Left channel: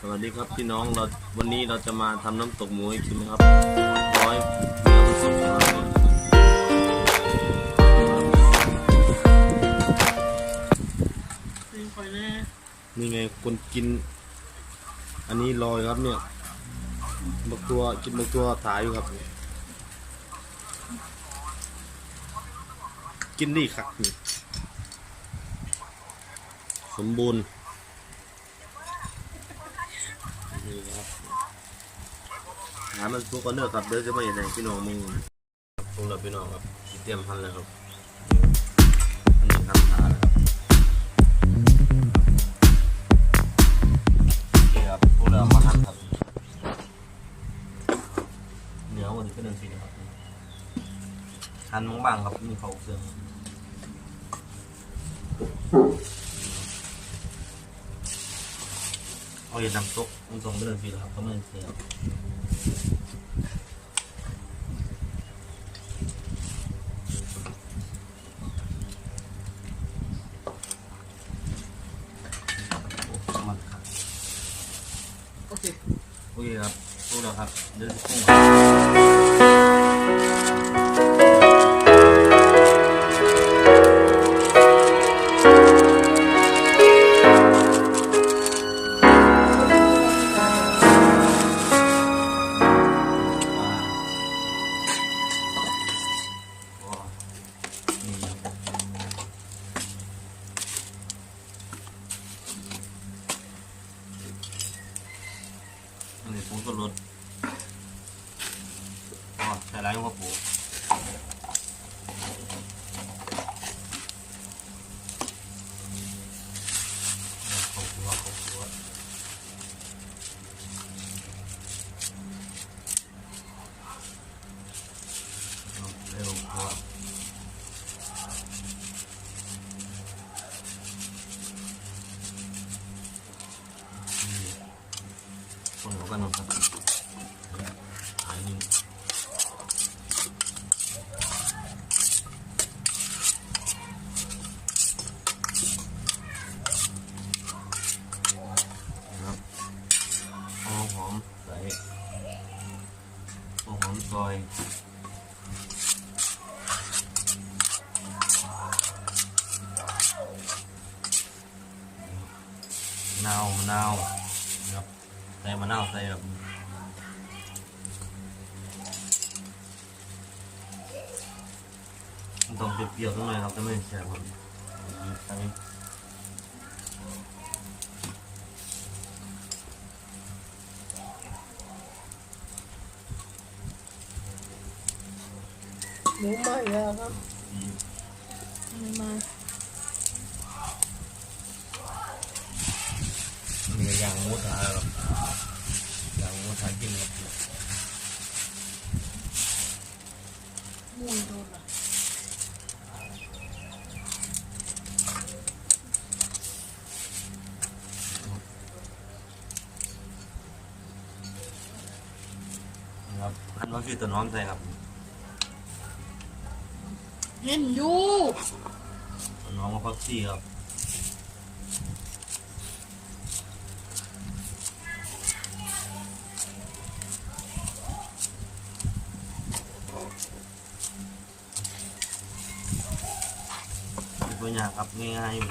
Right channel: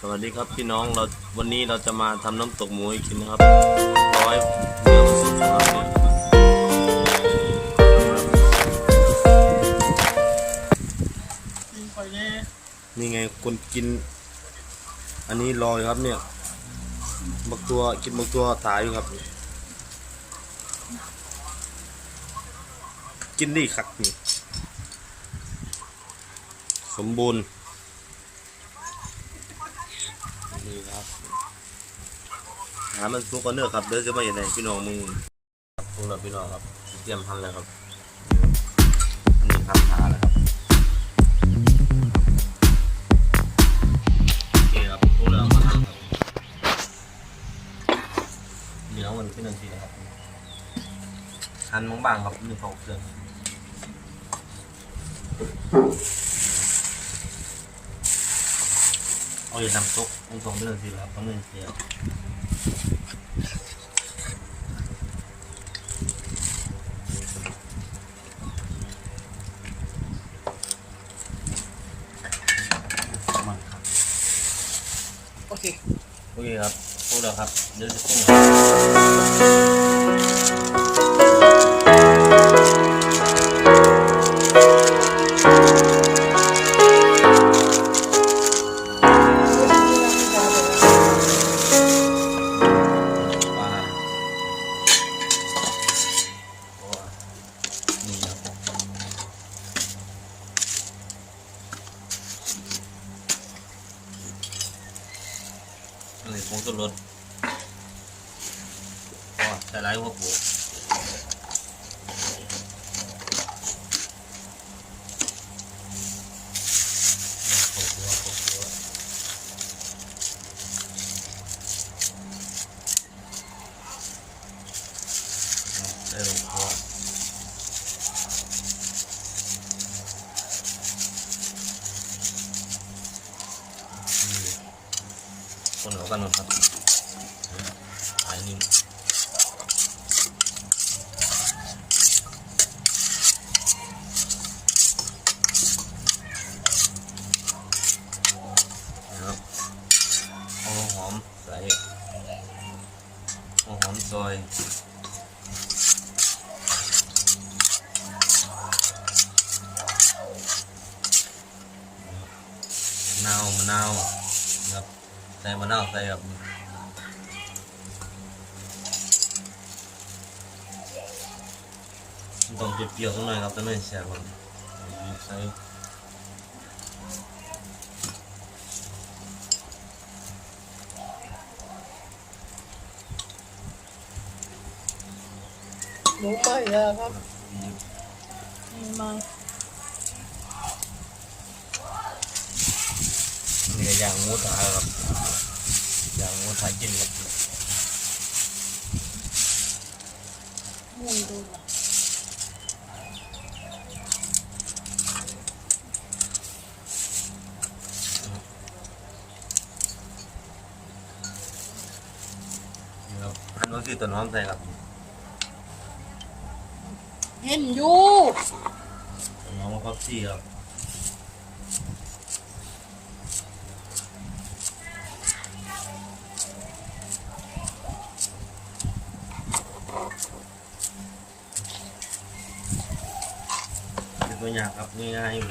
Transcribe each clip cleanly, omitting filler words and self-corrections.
สวัสดีครับพี่น้องวันนี้เราจะมาทำน้ำตกหมูให้กินนะครับร้อยเนื้อมันสุกนะครับเนี่ยนี่ไงคนกินอันนี้รออยู่ครับเนี่ยบักตัวกินบักตัวตายอยู่ครับกินดีคักนี่สมบูรณ์นี่ครับหามันสุกกันเนื้อครับเดี๋ยวจะมาอย่างไรพี่น้องมึงสุกแล้วพี่น้องครับเตรียมทันเลยครับอันนี้ทำหาแล้วครับนี่ครับสุกแล้วมาทำครับเหนียวมันเป็นอันทีนะครับหั่นบางๆครับนี่เขาเครื่องเอาอย่าน้ำซุปตรงๆไปเลยสิครับต้องไม่เสียมันครับโอเคครับพูดแล้วครับเดี๋ยวจะปรุงนี่ผงชูรสก็ใส่หลายหัวปูข้าวคั่วใส่ลงคั่วคนเขากันหมดครับอันนี้นะครับเอาหอมใส่หอมซอยมะนาวนะครับใส่มะนาวใส่แบบต้องเปรี้ยวๆสักหน่อยครับแต่ไม่แซ่บครับใส่หมูไหม้แล้วครับไม่ไหม้เนี่ยอย่างงูถ่ายครับอย่างงูถ่ายกินครับมูนโดนอ่ะนี่ครับอันนี้คือต้นหอมใส่ครับเห็นอยู่ต้นหอมกับผักชีครับตัวอย่างครับง่ายๆอยู่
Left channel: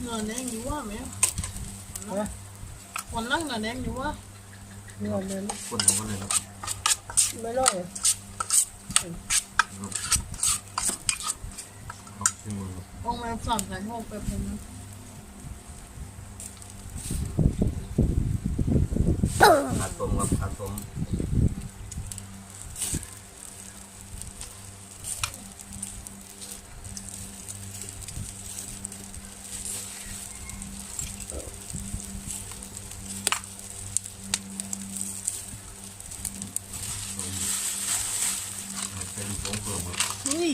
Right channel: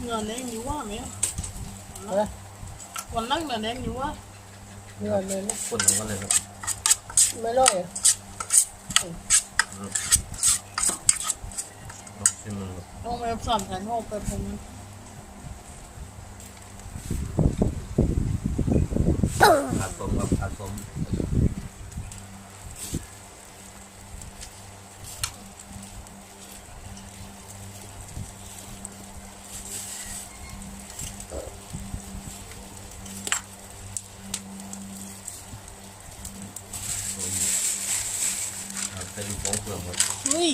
เนื้อแดงอยู่ว่าไหมวันนั่งเนื้อแดงอยู่ว่าเนื้อแดงคนทั้งวันเลยครับไม่ร้อยลองชิมมันต้องไปสามแผ่นหกไปผม อัดสมครับอัดสมเป็นผงเปลือกหมดเฮ้ย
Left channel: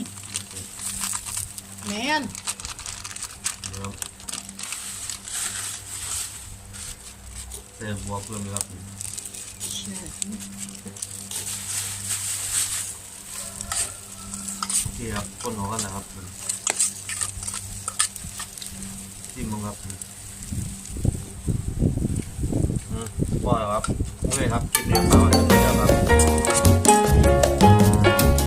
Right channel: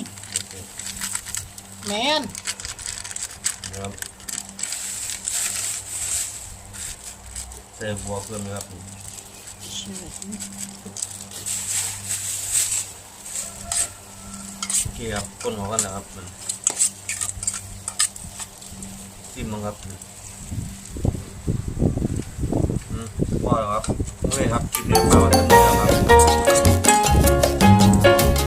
แมนนะครับใส่บัวเพิ่มครับ ใช่ นี่ครับคนของกันนะครับมันจิ้มมั้งครับพอแล้วครับโอเคครับคลิปนี้มาวันนี้ครับ